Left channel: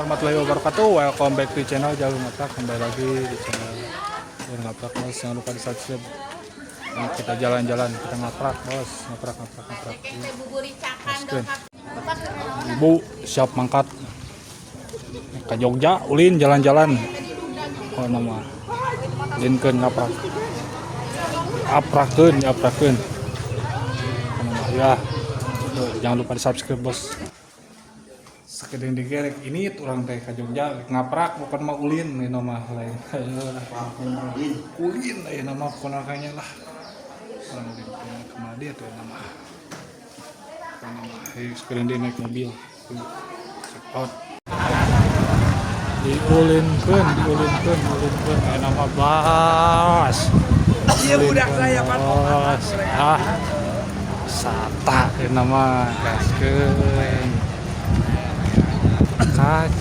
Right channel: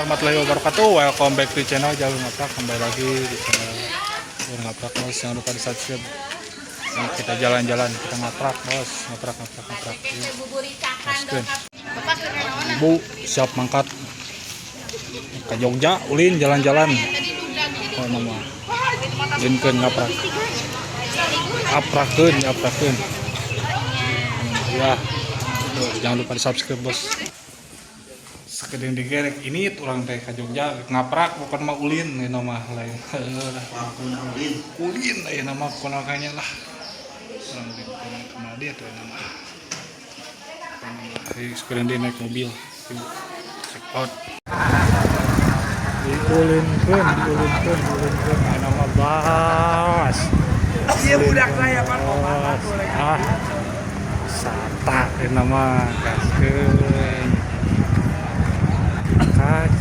warahmatullahi wabarakatuh. Welcome back to channel Jalur Ngaprak. Kembali lagi di channel Jalur Ngaprak, bos. Jangan lupa di subscribe. Ini kita jalan-jalan, kita ngaprak, bos. Ngaprak. Yuk. Gaskeun. Ibu siap mangkat ke Jogja, ulin jalan-jalan. Oh nama. Linkeun ngaprak. Aprakeun. Ya. Tuh, jangan lupa di subscribe, bos. Sakedeng digerek ini orang teh ka Jogja ngaprak bukan mah ulin ieu mah lain. Ulin ieu nama konakanya lah. Orang ulin kemana dia tuh nama. Sakedeng dia naik mobil. Check out. Diulinkeun ieu nama bas. Ieu budak saya bos. Sata ieu nama gaskeun.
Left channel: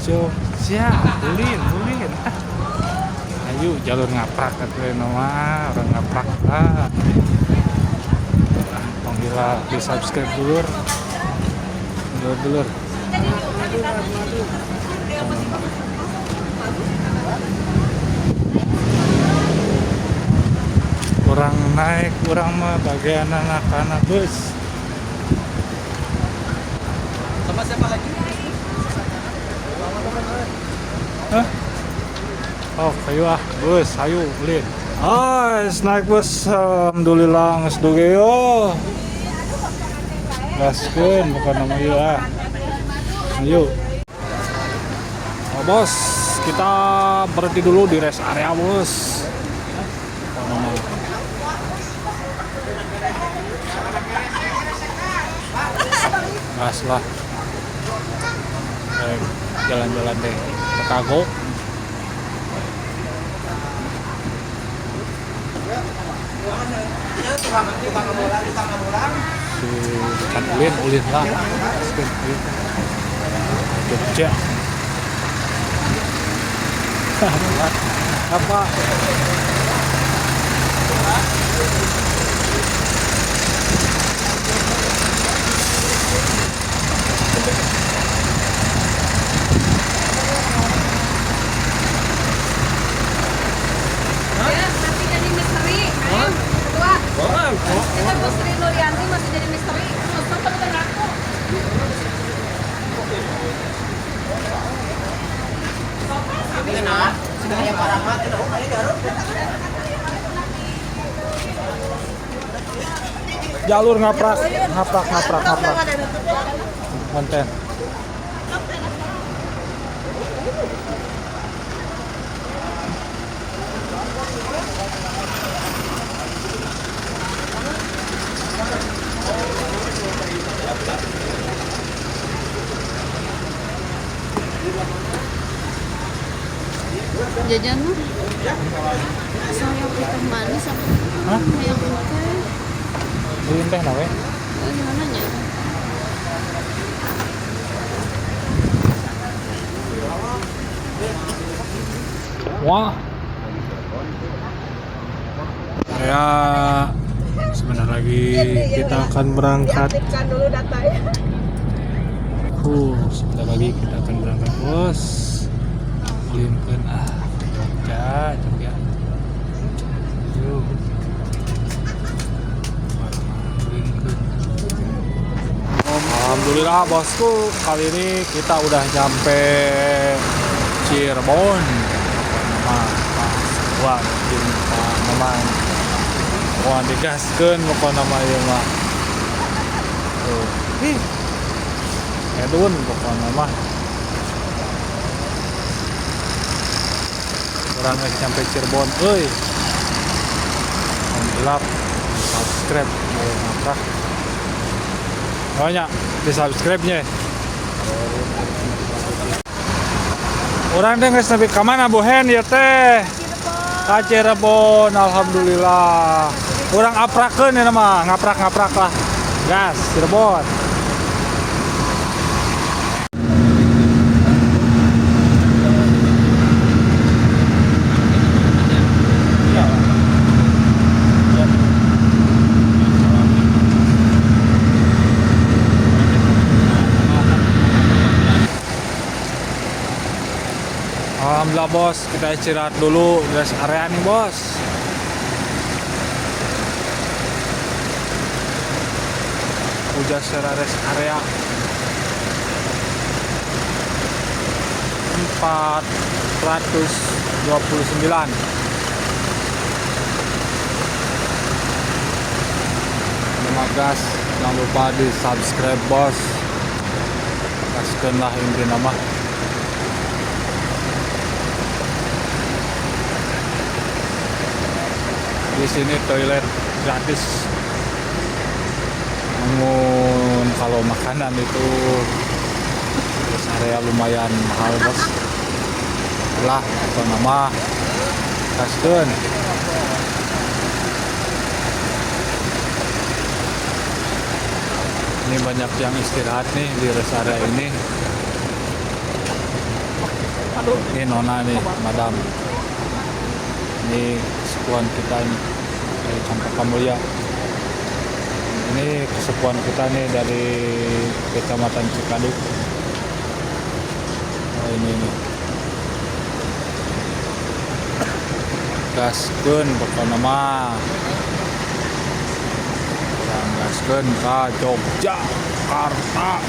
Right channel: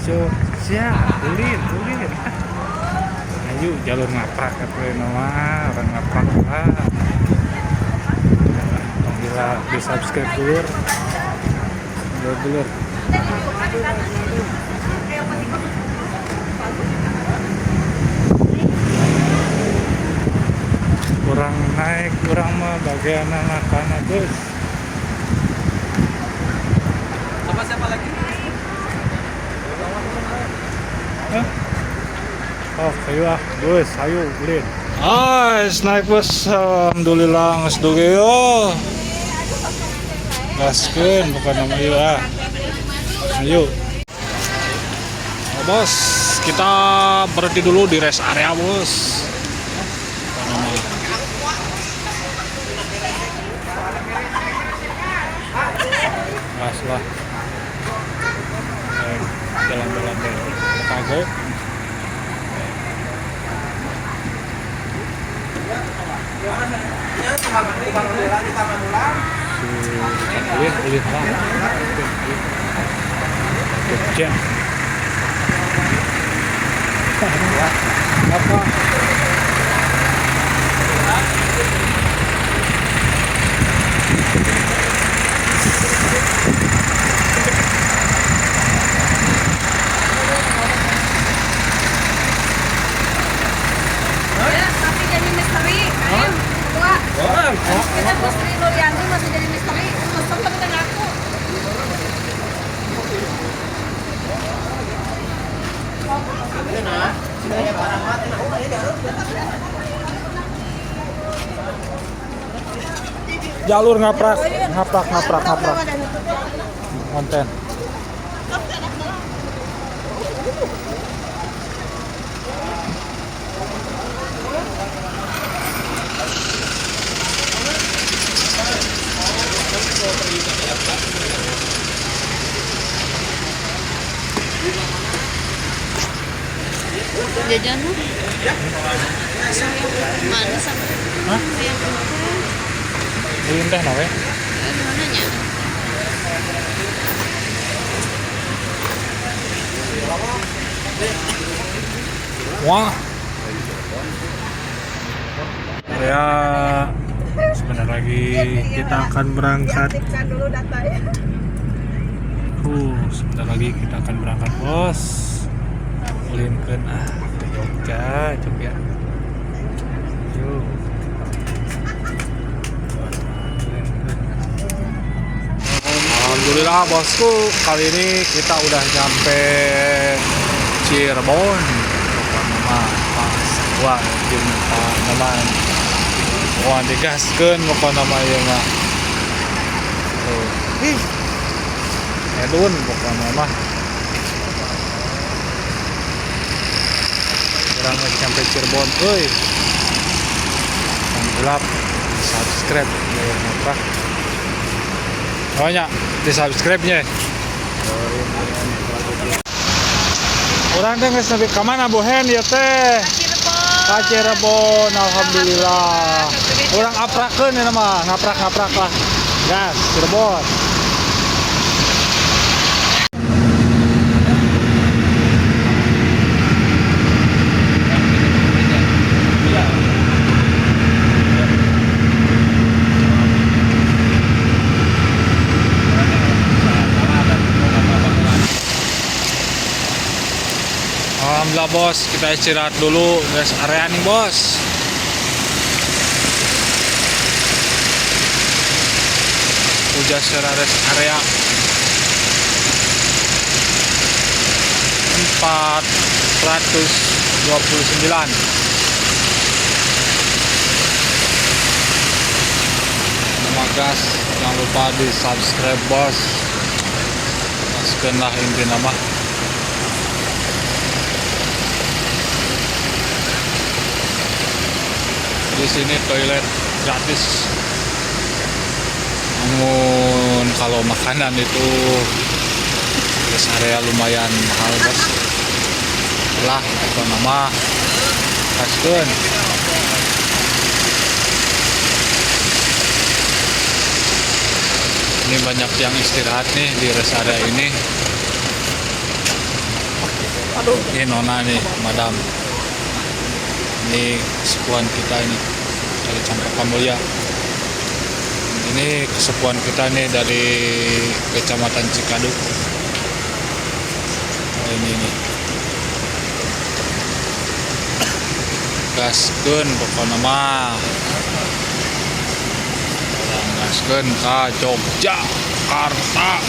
Jogja, ulin. Ayo jalur ngaprak atuh nama orang ngaprak lah. Tong gila di subscribe dulur. Kurang naik, kurang mah bagian anak-anak bus. Siapa lagi? Hah? Oh, ayo bus, ayo ulin. Naik bus, alhamdulillah geus duge yo. Gaskeun bukan nama ieu Ayo. Oh, bos, kita berhenti dulu di rest area, bos. Apa nama? Gas lah. Jalan-jalan deh. Kagok. Dekat ulin lah. Jogja. Apa? Kita bos Rino Dianti masih jadi misteri, pesan tapi dengan aku. Jalur ngaprak. Konten. Jajan mana sama? Hah? Ulin teh nawe? Mananya? Wah. Ya, sebentar lagi kita akan berangkat. Sebentar lagi kita akan berangkat, bos. Ulinkeun ke Jogja. Yuk. Alhamdulillah bosku, kali ini kita udah nyampe Cirebon. Pokoknya nama pas gua jumpa Maman. Wah digaskeun pokoknya nama ieu mah. Tuh. Edun pokoknya mah. Orang lagi sampai Cirebon, hilap, subscribe, boleh ngaprak. Banyak di subscribe-nya. Orang teh geus nepi ka mana Bohen ya teh? Ka Cirebon, alhamdulillah. Orang aprakeun ieu mah, ngaprak lah. Gas, Cirebon. Alhamdulillah bos, kita istirahat dulu rest area nih bos. Udah secara rest area 429. Terima kasih, jangan lupa di subscribe bos. Kasihkan lah inti nama. Di sini toilet gratis. Namun kalau makanan itu rest area lumayan mahal bos. Lah apa nama? Kasihkan. Ini banyak yang istirahat nih di rest area ini. Ini nona nih, madam. Ini kesepuan kita ini dari Cempaka Mulia. Ini kesepuan kita nih dari Kecamatan Cikadut. Oh, ini nih. Gaskeun pokoknya mah. Orang gaskeun ka Yogyakarta.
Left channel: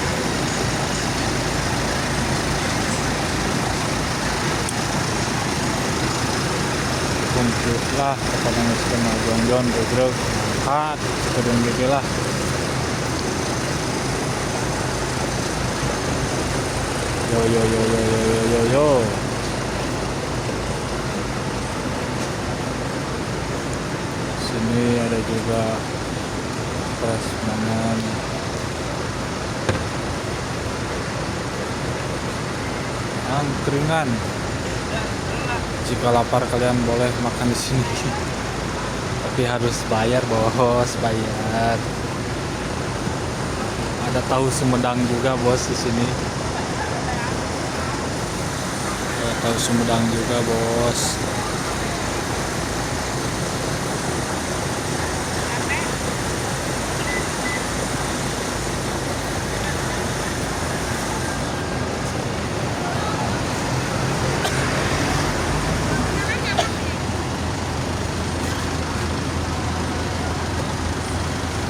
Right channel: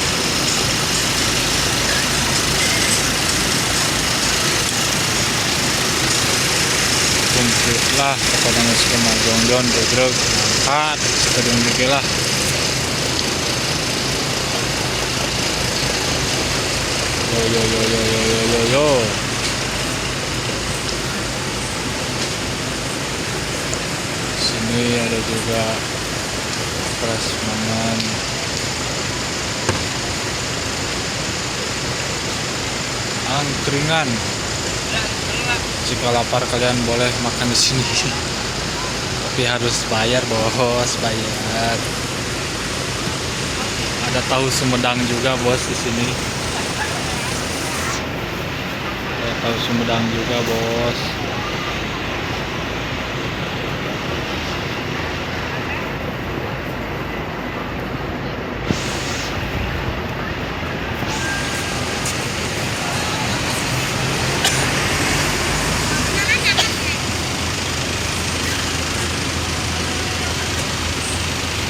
Komplit lah pokoknya nggak kena jongjon regreg angkat sekedeng dikit lah. Yo yo yo yo yo yo yo yo. Sini ada juga prasmanan. Angkringan. Jika lapar kalian boleh makan di sini. Tapi harus bayar bos, bayar. Ada tahu Sumedang juga bos di sini. Ada tahu Sumedang juga bos.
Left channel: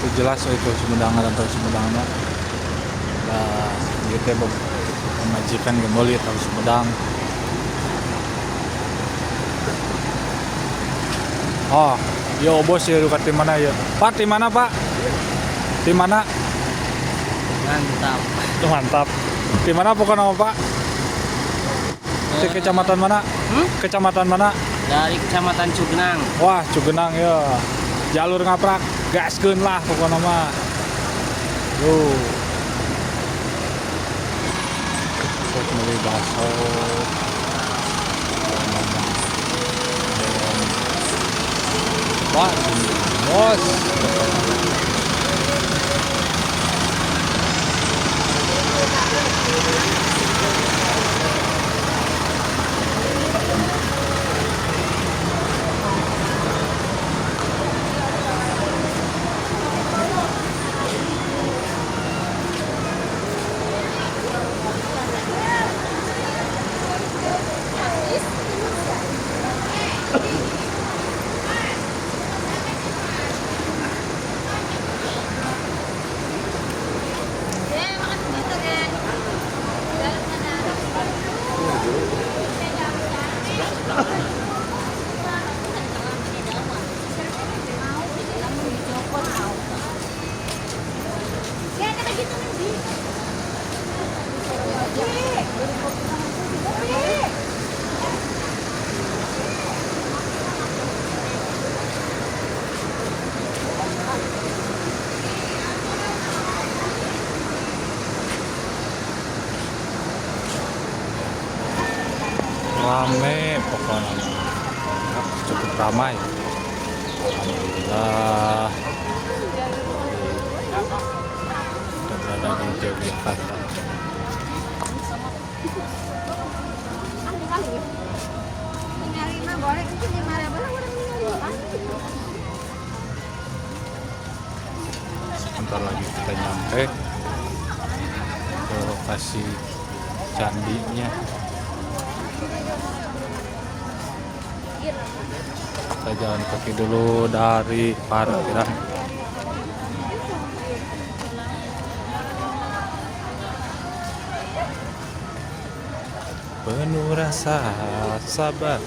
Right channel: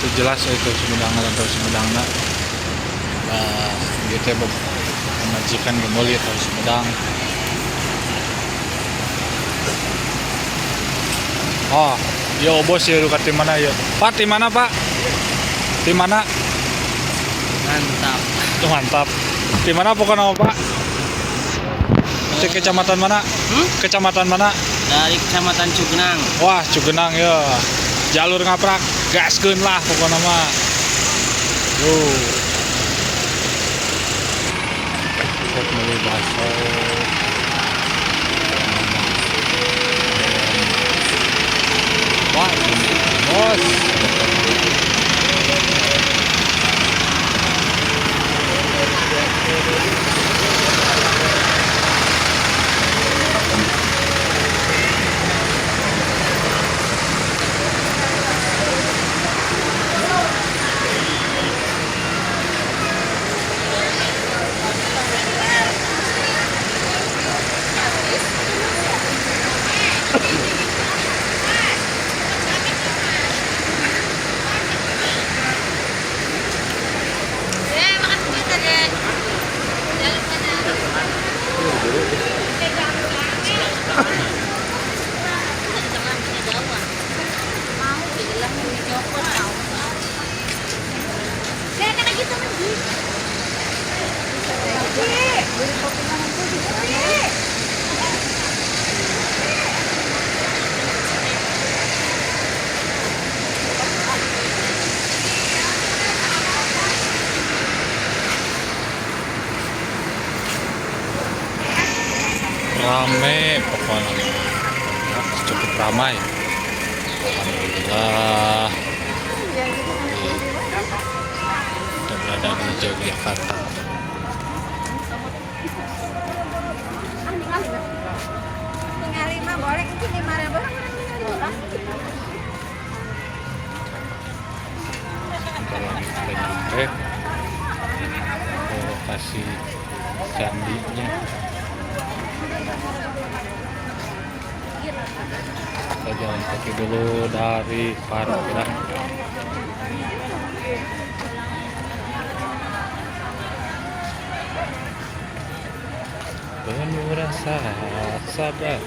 Itu jelas itu Sumedang atau Sumedang nah gitu majikan gemoli atau Sumedang. Oh yo bos ya luka tim mana ya Pak, tim mana Pak, tim mana? Mantap. Tuh mantap. Tim mana pokoknya Pak? Di kecamatan mana? Kecamatan mana? Dari Kecamatan Cugenang. Wah Cugenang ya. Jalur ngaprak, gaskeun lah pokoknya mah. Yo. Set beli bakso. Wah, ini bos. Rame pokoknya, cukup ramai. Alhamdulillah kita berada di Yogyakarta. Sebentar lagi kita nyampe ke lokasi candinya. kita jalan kaki dulu dari parkiran. Penuh rasa sabar,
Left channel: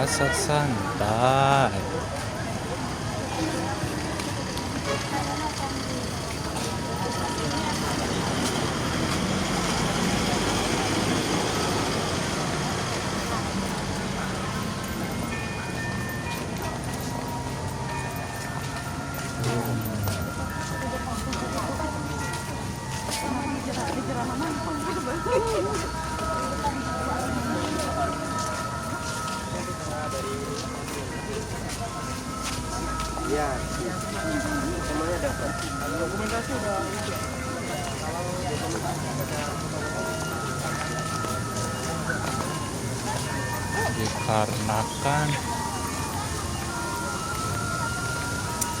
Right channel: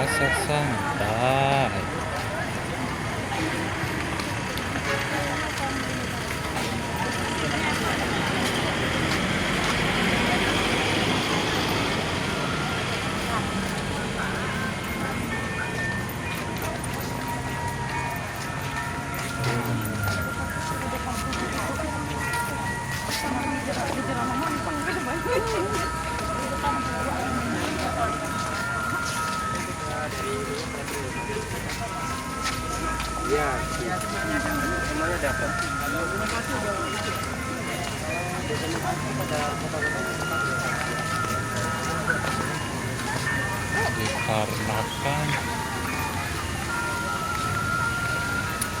rasa santai. Dikarenakan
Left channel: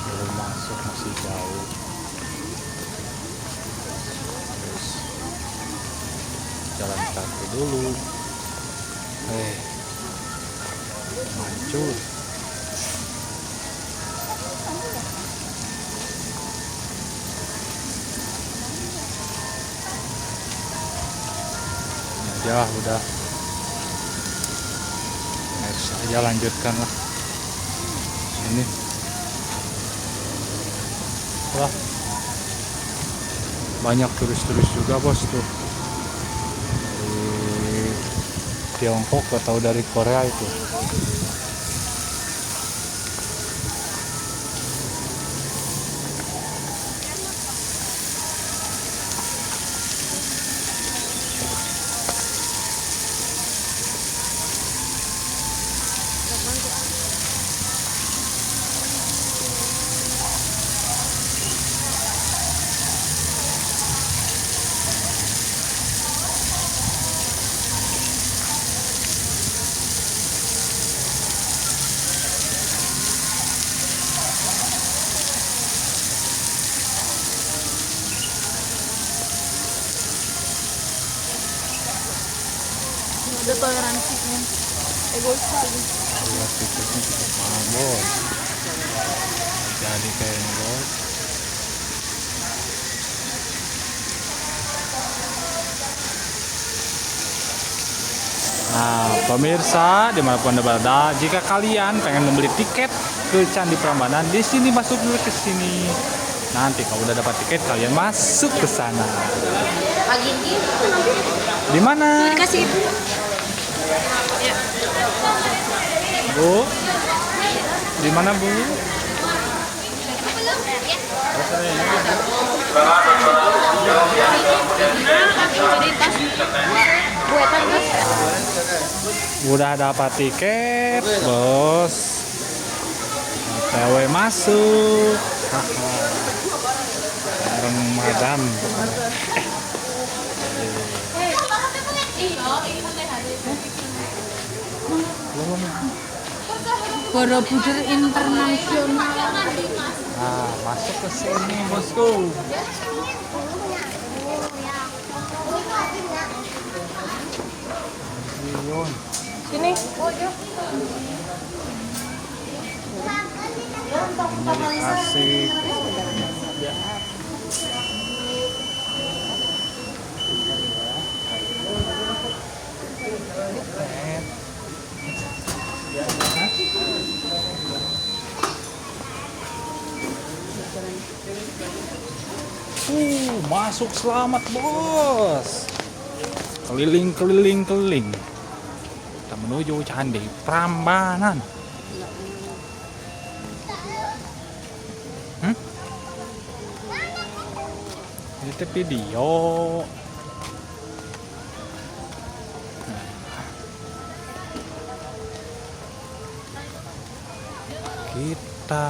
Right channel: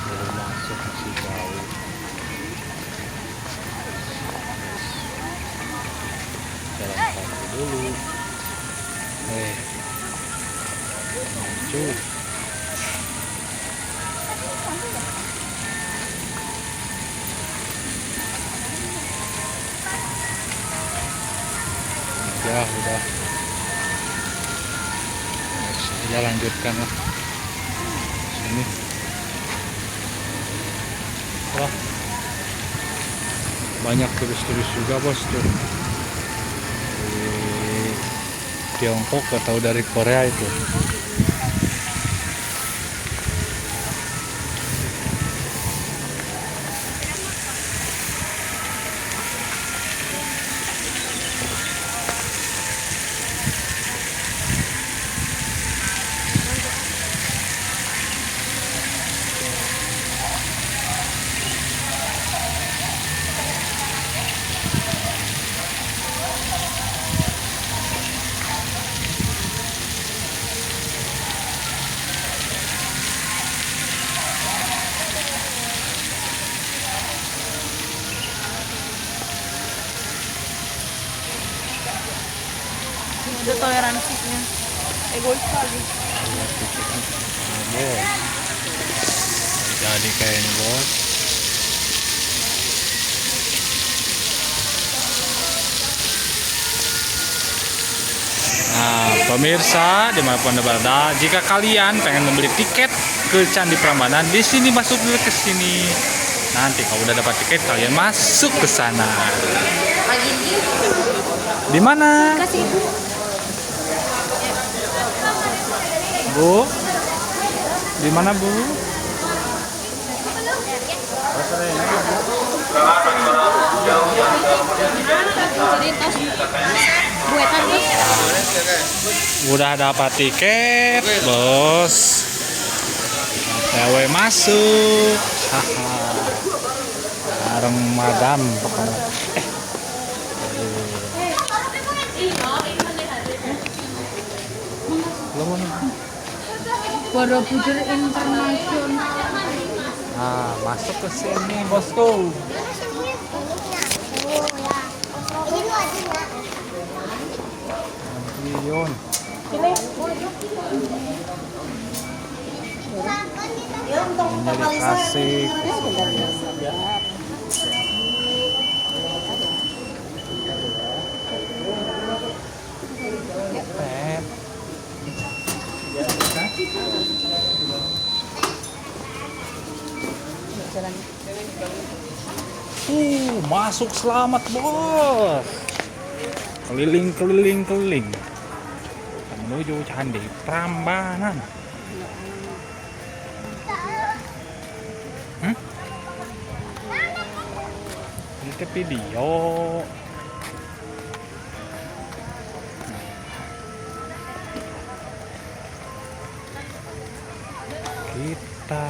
belum masuk, masih jauh. Terus jalan kaki dulu. Mancur. Ya udah, next aja lanjutkan lah. Ini wah, banyak turis-turis juga bos tuh, dari Tiongkok atau dari Korea itu. Ada toleransinya. Egois sekali. Lihat tiketnya mana bos, jadi kayak ini bos. Nah pemirsa dimanapun anda berada, jika kalian pengen membeli tiket ke Candi Prambanan, di sini masuk dulu ke sini. Nanti kalau udah dapat tiket kalian masuk ke sana. Di mana? Kasih ibu. Bu, di mana Bu? Udah dapat tiket, bos. OTW masuk. Haha. Bareng madam pokoknya. Borobudur Internasional. Nah, masuk ke sini, bosku. Yun. Sini. Ini dikasih. Masuk selamat bos. Keliling. Kita menuju Candi Prambanan. Ini video. Kita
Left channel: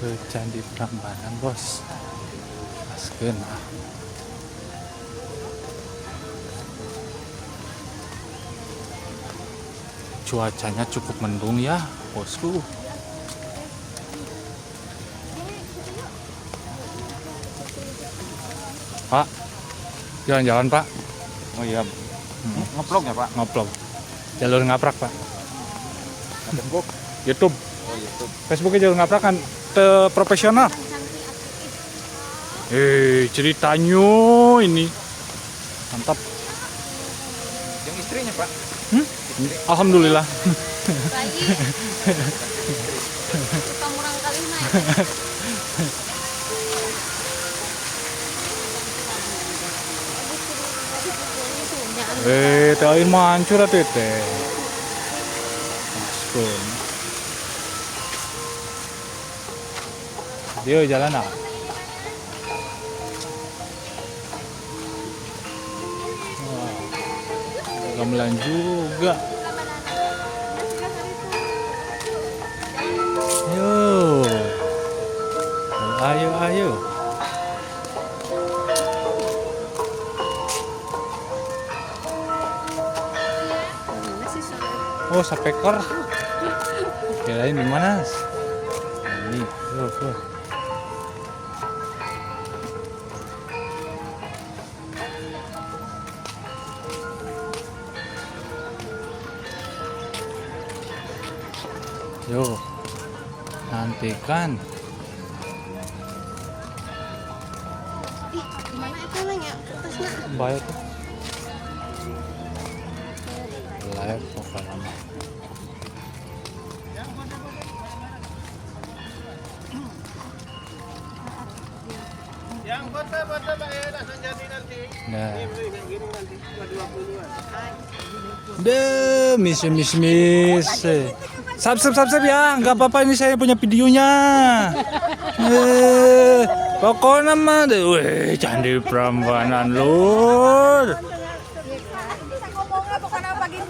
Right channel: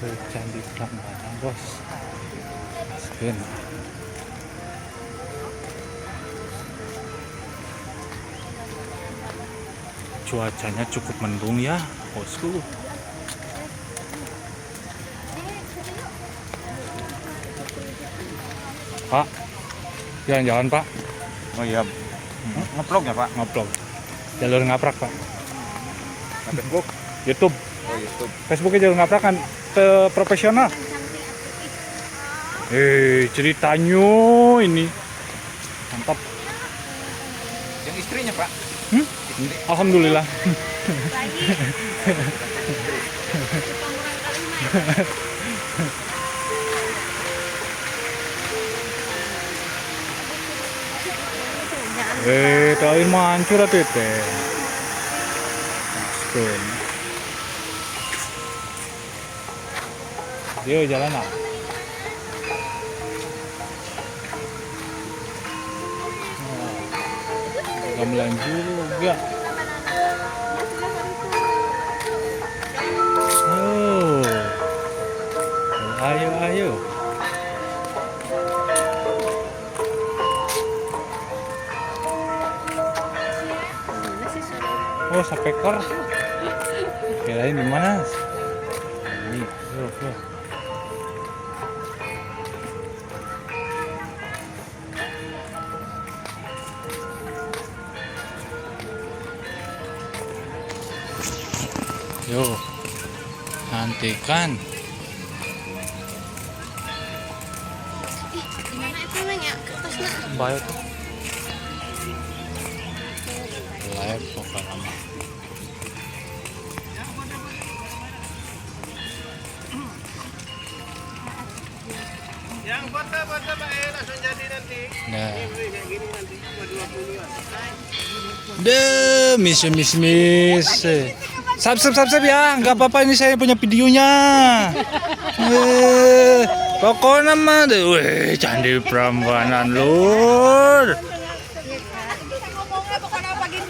ke Candi Prambanan bos. Maskeun. Cuacanya cukup mendung ya bosku. Pak, jalan-jalan Pak. Oh iya. Ngeplog nggak Pak? Ngeplog. Jalur ngaprak Pak. Facebook. YouTube. Oh, YouTube. Facebooknya jalur ngaprak kan profesional. Ceritanya ini mantap. Yang istrinya, Pak. Alhamdulillah. Tahu mancur atuh teh. Maskun. Dia jalan ah. Gamelan juga. Oh. Ayo. Oh, sapekor. Kirain di mana? Ini. Tuh. Yo, nantikan. Baik. Live pokoknya. Yang foto langsung jadi nanti. Nah. Ini kayak gini nanti cuma 20-an. Miss. Subscribe ya, nggak apa-apa ini saya punya videonya. Pokoknya mah deh, Candi Prambanan lur.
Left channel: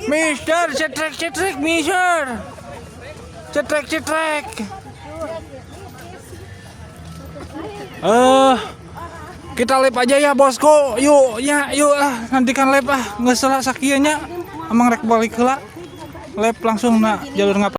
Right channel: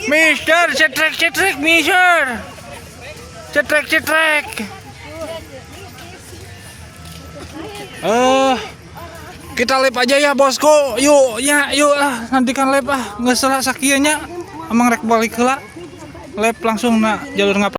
Mister, cetrek, Mister. Cetrek. Kita live aja ya bosku. Yuk lah, nantikan live ah. Nggak salah sakianya. Emang rek balik heula. Live langsung na jalur ngaprak.